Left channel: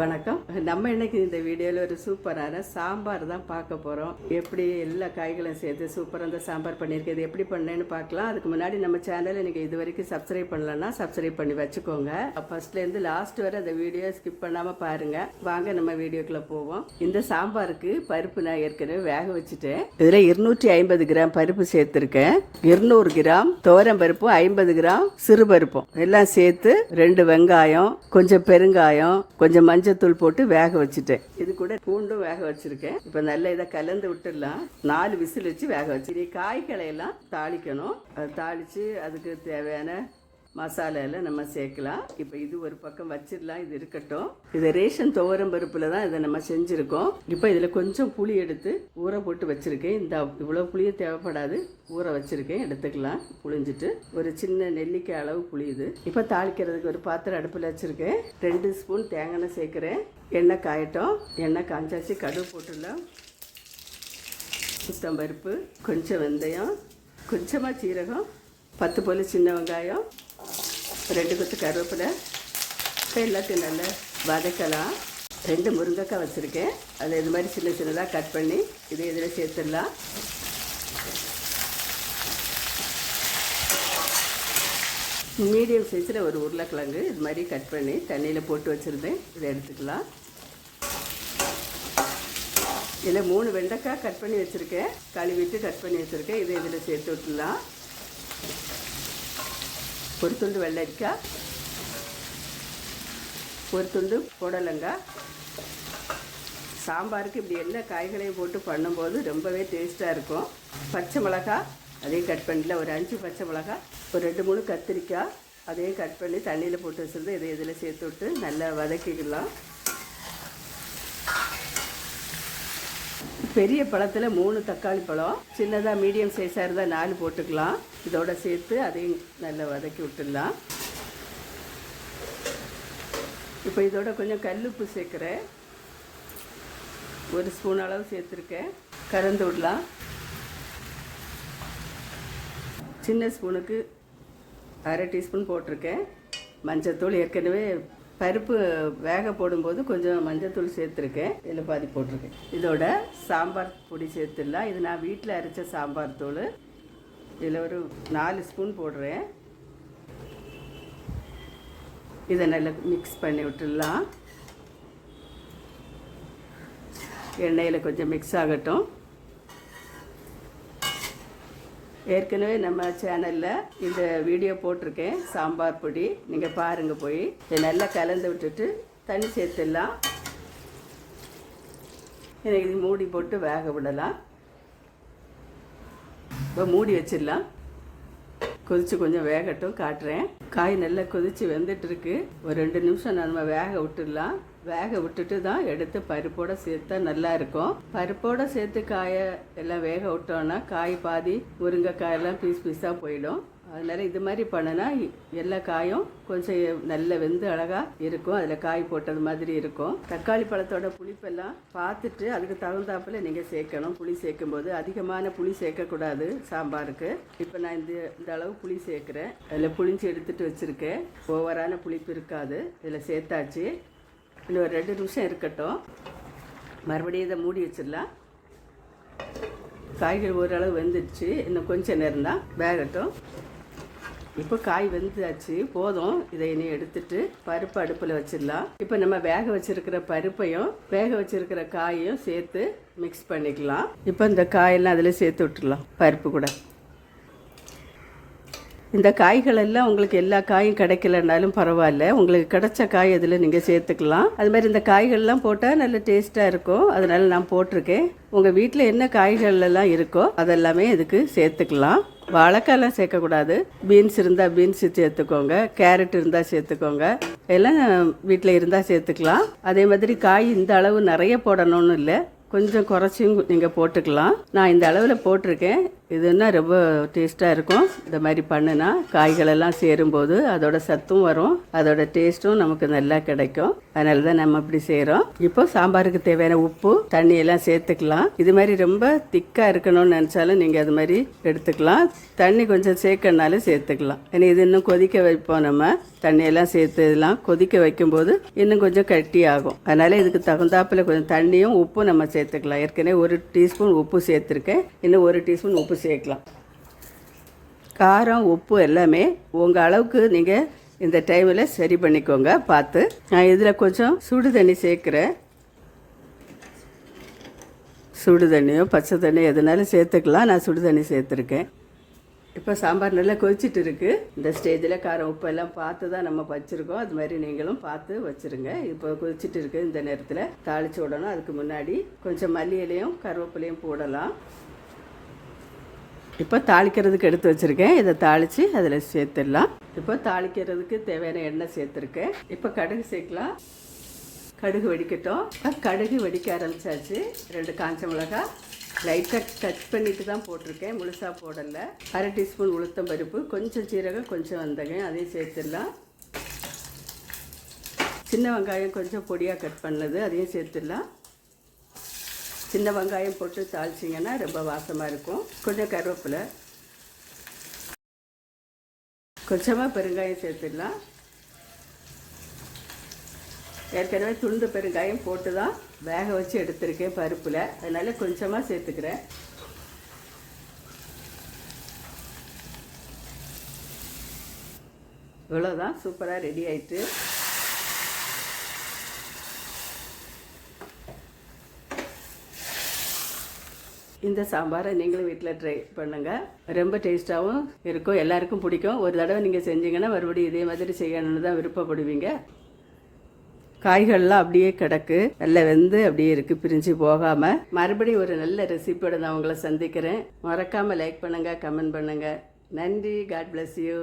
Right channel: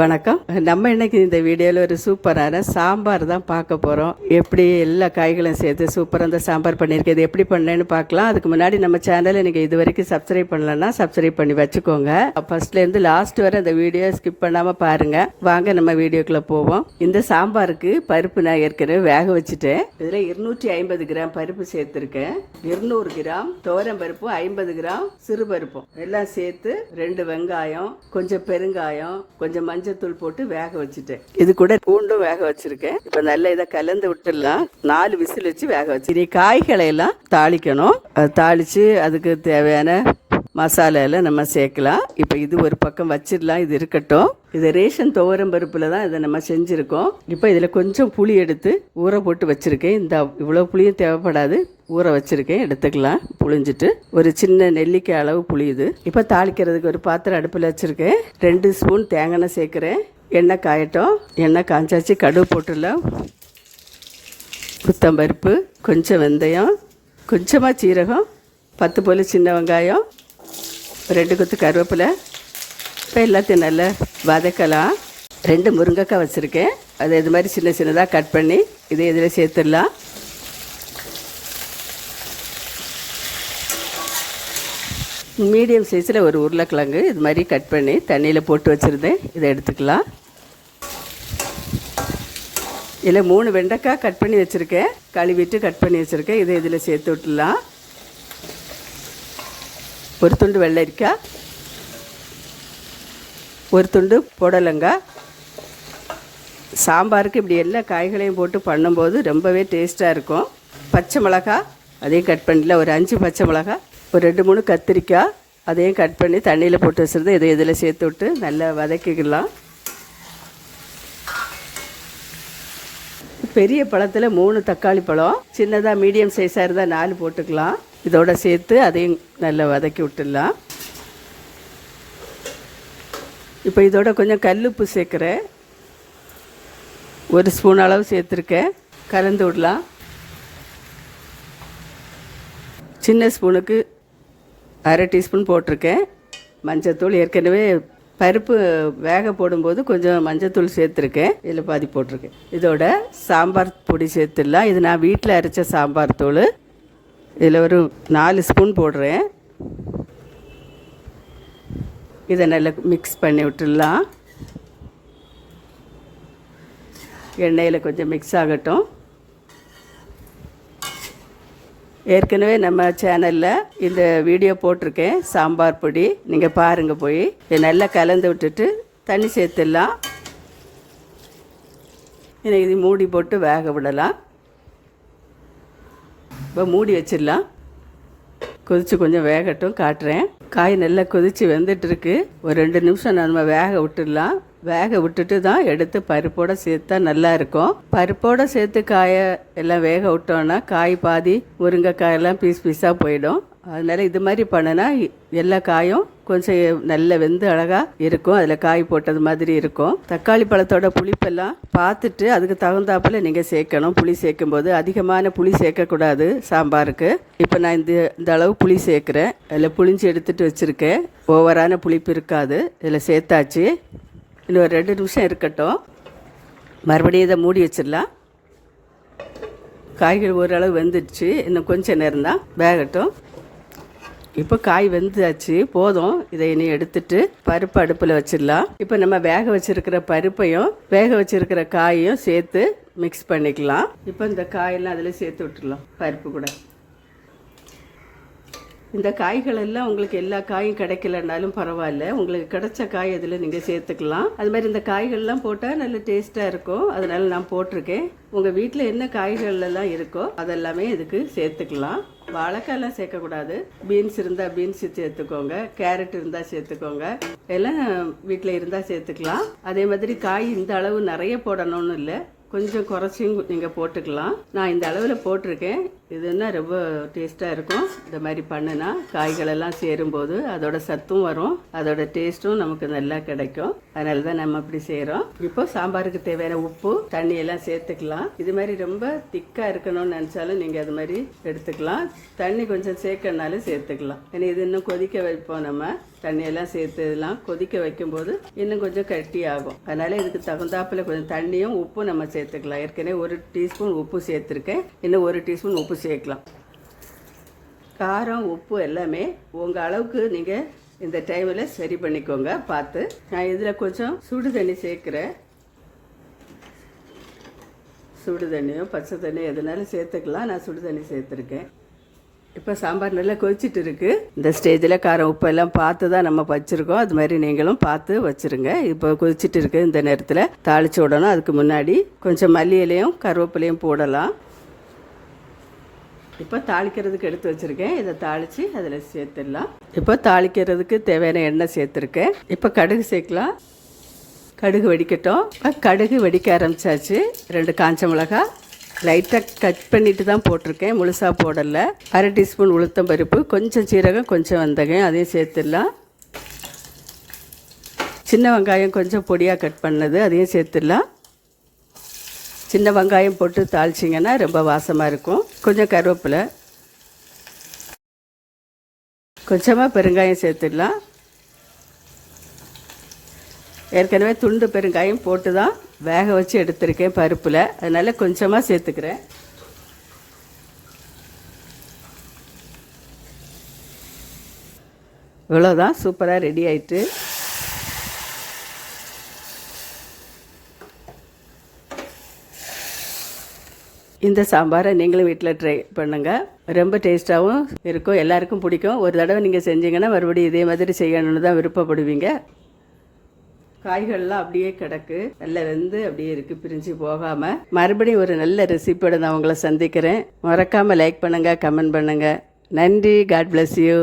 வணக்கம். நம்ம இன்னைக்கு இந்த வீடியோவில் ஒரு சூப்பரான சாம்பார் தான் பார்க்க போகிறோம் எப்படி எல்லா காய்களும் சேர்த்து சூப்பராக இந்த சாம்பார் பண்ணியிருக்கேன் எப்படி பண்ணேன்னு பார்க்கலாம். அதுக்கு முன்னாடி நம்ம சேனலை நீங்கள் இது வரைக்கும் சப்ஸ்கிரைப் பண்ணலன்னா சப்ஸ்கிரைப் பண்ணி வச்சுக்கோங்க. ஃபர்ஸ்ட்லேருந்து லாஸ்ட் வரை அந்த வீடியோ ஸ்கிப் பண்ணாமல் பாருங்கள் வாங்க நம்ம வீடியோக்குள்ளே போவோம். இந்த சாம்பாருக்கு பருப்பு நான் ஏற்கனவே வேக வச்சுட்டேன். இதில் இருநூற்றி ஐம்பது கிராம் பருப்பு சேர்த்துருக்கேன். இருநூறு கிராம் துவரம் பருப்பும் ஐம்பது கிராம் சிறு பருப்பும் எல்லாம் சேர்த்து ரெண்டு வெங்காயம் கொஞ்சம் பெருங்காயம் கொஞ்சம் மஞ்சத்தூள் போட்டு வேக வச்சுட்டேன். இது கூட பூண்டும் வேக வச்சிருக்கேன். இப்போ நல்லா இதை கலந்து விட்டுடலாம். நாலு விசில் வச்சு வேக வச்சு. இனி காய்களை எல்லாம் தாளிக்கணும். தாளித்து அதுக்கு தேவையான மசாலா எல்லாம் நம்ம சேர்க்கலாம். இப்போ இது ஒரு பக்கம் வச்சிடலாம். இது இருக்கட்டும். இது ரேஷன் துவரம் பருப்பில் தான் இதை நம்ம செஞ்சுருக்கோம். இப்போ இதில் கொஞ்சம் புளி எடுத்து ஊற போட்டு வச்சுருக்கேன். இந்த இவ்வளோ புளியும் தேவைப்படாது. ஊற வச்சுருக்கேன். எடுத்துக்கலாம். புளிஞ்சிட்டு ஒரு சின்ன நெல்லிக்காய் அளவு புளியுது இப்போ தாளிக்கிறதுக்கு ஒரு பாத்திரம் அடுப்பில் வச்சுருக்கேன். ரெண்டு ஸ்பூன் தேங்காய் சேர்க்குறேன். எண்ணெய் காயட்டும். எண்ணெய் காய்ச்சாச்சு கடுகு போட்டுடலாம். புத்தம்பருப்பு கொஞ்சம் வெந்தயம் கொஞ்சமாக சீரகம் பத்து போல் சின்ன வெங்காயம் ரெண்டு கொத்து கருவேப்பிலை இப்போ எல்லாத்தையும் நல்லா வதக்கலாம். ரெண்டு முருங்கைக்காய் வச்சுருக்கேன். அதை இது மாதிரி சின்ன சின்னதாக கட் பண்ணி இதை இதில் சேர்த்துடலாம். மீடியம் சைஸில் ஒரு உருளைக்கிழங்கு இது மாதிரி கட் பண்ணி தண்ணியில் போட்டு வச்சுருந்தேன். இதை எடுத்துக்கலாம். இதில் மூணு வெண்டைக்காய் கட் பண்ணி வச்சுருக்கேன். கழுவிட்டு கட் பண்ணி வச்சுருக்கேன். இதை இதில் சேர்த்து விட்டுலாம் ஒரு துண்டு வெள்ளரிக்காய். ஒரு துண்டு புடலங்காய். சாம்பாருக்கு இப்படி எல்லா காய்களையும் போட்டு பண்ணும்போது ரொம்பவே டேஸ்ட்டாக இருக்கும். பச்சை மிளகாய் அதையும் கட் பண்ணல ஒரு அஞ்சு பச்சை மிளகாய் ஒரு ரெண்டு மூணு கத்திரிக்காய் அதையும் கட் பண்ணி தண்ணியில் போட்டு வச்சுருந்து இதை இதில் சேர்த்து விட்டு நல்லா வதக்கிக்கலாம். பெரிய பழத்தில் மூணு தக்காளி பழம் சின்னதாக மீடியம் சைஸாக இருந்தால் நாலு போட்டுக்கலாம். இதோட சேர்த்து அதையும் நல்லா வதக்கி விட்டுடலாம். இப்போ இதோட கொஞ்சம் கல்லுப்பு சேர்க்குறேன். ஒரு ஸ்பூன் அளவு சேர்த்துருக்கேன். கலந்து விடலாம். சின்ன ஸ்பூனுக்கு அரை டீஸ்பூன் போட்டிருக்கேன். மஞ்சத்தூள் ஏற்கனவே பருப்பு வேக போடும்போது கொஞ்சம் மஞ்சத்தூள் சேர்த்துருக்கேன். இதில் பாதி போட்டிருக்கேன். இதோட சாம்பார் பொடி சேர்த்துடலாம். இது நான் வீட்டில் அரைச்ச சாம்பார் தூள். இதில் ஒரு நாலு ஸ்பூன் போடுறேன். இதை நல்லா மிக்ஸ் பண்ணி விட்டுடலாம். எண்ணெயில் கொஞ்சம் மிக்ஸ் ஆகட்டும். ஏற்கனவே நம்ம சேனலில் இந்த வீடியோ போட்டிருக்கேன் சாம்பார் பொடி. நீங்கள் பாருங்கள் போய். இதை நல்லா கலந்து விட்டுட்டு தண்ணி சேர்த்துடலாம். இதை இது மூடி போட்டு வேக விடலாம். இப்போ மூடி வச்சிடலாம். கொதித்து கொஞ்சம் வேகட்டும் காட்டுறேன். காய் நல்லா கொதித்து வெந்துட்டுருக்கு. ஒரு ரெண்டு நிமிஷம் நம்ம வேக விட்டுடலாம். வேக விட்டுட்டு தான் எடுத்து பருப்போடு சேர்த்தா நல்லா இருக்கும். பருப்போடு சேர்த்து காயை எல்லாம் வேக விட்டோன்னா காய் பாதி முருங்கைக்காயெல்லாம் பீஸ் பீஸாக போயிடும். அதனால் இது மாதிரி பண்ணினா எல்லா காயும் கொஞ்சம் நல்ல வெந்து அழகாக இருக்கும். அதில் காய் போட்டது மாதிரி இருக்கும். தக்காளி பழத்தோட புளிப்பெல்லாம் பார்த்துட்டு அதுக்கு தகுந்தாப்பில் நீங்கள் சேர்க்கணும். புளி சேர்க்கும்போது அதிகமான புளி சேர்க்கக்கூடாது. சாம்பாருக்கு. இப்போ நான் இந்த இந்த அளவு புளி சேர்க்குறேன். அதில் புளிஞ்சு எடுத்துகிட்டு வச்சுருக்கேன். ஓவரான புளிப்பு இருக்காது. இதில் சேர்த்தாச்சு. இன்னும் ஒரு ரெண்டு நிமிஷம் இருக்கட்டும். மறுபடியும் இதை மூடி வச்சிடலாம். காய்கறி ஓரளவு வெந்துடுச்சு. இன்னும் கொஞ்சம் நேரம் தான் வேகட்டும். இப்போ காய் வெந்தாச்சு போதும். இதை இனி எடுத்துட்டு பருப்பு அடுப்பில் வச்சிடலாம். இப்போ நம்ம வேக வச்சிருக்கிற பருப்பையும் வேக வச்சிருக்கிற காயையும் சேர்த்து மிக்ஸ் பண்ணிக்கலாம். இப்போ இந்த காயெல்லாம் அதில் சேர்த்து விட்டுடலாம் பருப்பு கூட. இந்த காய்கள் எல்லாம் உங்களுக்கு எல்லா காயும் கிடைக்கலனாலும் பரவாயில்ல. உங்களுக்கு கிடைச்ச காய் அதில் நீங்கள் சேர்த்துக்கலாம். அது மாதிரி இந்த காய்கள்லாம் போட்டால் நல்ல டேஸ்ட்டாக இருக்கும். அதனால் நான் போட்டிருக்கேன். உங்கள் வீட்டில் என்ன காய்கள் எல்லாம் இருக்கோ அதெல்லாமே இதுக்கு சேர்த்துக்கலாம். வாழைக்காயெல்லாம் சேர்க்கக்கூடாது. பீன்ஸ் இருந்தால் பீன்ஸ் சேர்த்துக்கோங்க. கேரட் இருந்தால் சேர்த்துக்கோங்க. எல்லாம் வீட்டில் இருந்தால் சேர்த்துக்கலாம். அதே மாதிரி காய் இந்த அளவு நிறைய போடணும்னு இல்லை. கொஞ்சம் குறைச்சியும் நீங்கள் போட்டுக்கலாம். நான் இந்த அளவில் போட்டிருக்கேன். இதுன்னா ரொம்ப டேஸ்ட்டாக இருக்கும். இந்த மாதிரி பண்ணுனா காய்களெல்லாம் சேரும்போது அதோட சத்தும் வரும். அதோட டேஸ்ட்டும் நமக்கு நல்லா கிடைக்கும். அதனால தான் நம்ம இப்படி செய்கிறோம் இப்போ சாம்பாருக்கு தேவையான உப்பு தண்ணி எல்லாம் சேர்த்துக்கலாம். இது மாதிரி ரொம்ப திக்காக இருக்கணும்னு நினச்சாலும் நீங்கள் அது மாதிரி எடுத்துக்கலாம். தண்ணி கொஞ்சம் சேர்க்கனாலும் சேர்த்துக்கலாம். ஏன்னா இது இன்னும் கொதிக்க வைப்போம் நம்ம. தண்ணியெல்லாம் சேர்த்து இதெல்லாம் கொதிக்க வைக்கும்போது இன்னும் கொஞ்சம் கட்டி ஆகும். அதனால் இதுக்கு தகுந்தாப்பில் கொஞ்சம் தண்ணியும் உப்பும் நம்ம சேர்த்துக்கலாம். ஏற்கனவே ஒரு டீஸ்பூன் உப்பு சேர்த்துருக்கேன். இன்னும் ஒரு டீஸ்பூன் உப்பு சேர்க்கலாம். காரம் உப்பு எல்லாமே உங்கள் அளவுக்கு நீங்கள் இந்த டைமில் சரி பண்ணிக்கோங்க பார்த்து. நான் இதில் கொஞ்சம் சுடு தண்ணி சேர்க்குறேன். சுடு தண்ணியோ பச்சை தண்ணியோ எதுனாலும் சேர்த்துக்கலாம். நான் சுடு தண்ணி சேர்த்துருக்கேன். இப்போ சாம்பார் நல்லா கொதிச்சிட்டு இருக்குது இந்த ஸ்டேஜில் காரம் உப்பு எல்லாம் பார்த்து தான் நம்ம வச்சுருக்கோம். அது மாதிரி நீங்களும் பார்த்து வச்சுருங்க. இப்போ கொதிச்சிட்டு இருக்குது இந்த நேரத்தில். தாளிச்சு விடணும் அதுக்கு முன்னாடி கொஞ்சம் மல்லி இலையும் கருவேப்பிலையும் போடலாம். இப்போ தாளிக்கிறதுக்கு எடுத்து வச்சுருக்கேன். இதை தாளித்து அதில் சேர்த்துடலாம். இப்போ தாளிக்கிறதுக்கு தேவையான எண்ணெய் சேர்த்துருக்கேன். இப்போ கடுகு சேர்க்கலாம். கடுகு வெடிக்கட்டும். இப்போ கடுகு வெடிக்க ஆரம்பிச்சாச்சு. ரெண்டு காஞ்ச மிளகாய் லைட்டாக கட் பண்ணிட்டு தான் போட்டிருக்கேன். முழுசாக போடலை. அரை டீஸ்பூன் உளுத்தம் பருப்பு கொஞ்சம் சீரகம் கொஞ்சம் வந்தகம் அதையும் சேர்த்துடலாம். சின்ன வெங்காயம் கொஞ்சம் பொடியாக கட் பண்ணது அதையும் சேர்த்துடலாம். சின்ன வெங்காயம் போட்டு தாளிச்சிங்கன்னா ரொம்ப வாசமாக இருக்கும். கொஞ்சம் கருவேப்பிலை. கொஞ்சமாக பெருங்காயம் சேர்த்துடலாம். ஏற்கனவே துண்டு பெருங்காயம் போட்டு தான் வேக வச்சு எடுத்திருக்கேன் பருப்பில். அதனால் கொஞ்சமாக சேர்த்துக்கிறேன். இவ்வளோதான் சூப்பராக ரெடி ஆயிட்டு. இந்த சாம்பாரை நீங்களும் வீட்டில் ட்ரை பண்ணுங்கள் ரொம்ப டேஸ்ட்டாகவும் இருக்கும் எல்லாருக்கும் பிடிக்கும். ஒரு தடவை நீங்கள் செஞ்சீங்கன்னா மறுபடியும் இதே மாதிரி செய்யணும்னு தான் விருப்பப்படுவீங்க. காய்கள்லாம் அப்படியே கிடக்கு. நல்லா வெந்து அப்படியே இருக்குது பிரிஞ்சு போகாமல் மறுபடியும் ஒரு நல்ல ரெசிபியோட நான் உங்களை சந்திக்கிறேன். மறக்காமல் லைக் பண்ணுங்கள் கமெண்ட் பண்ணுங்கள் நன்றி. God bless you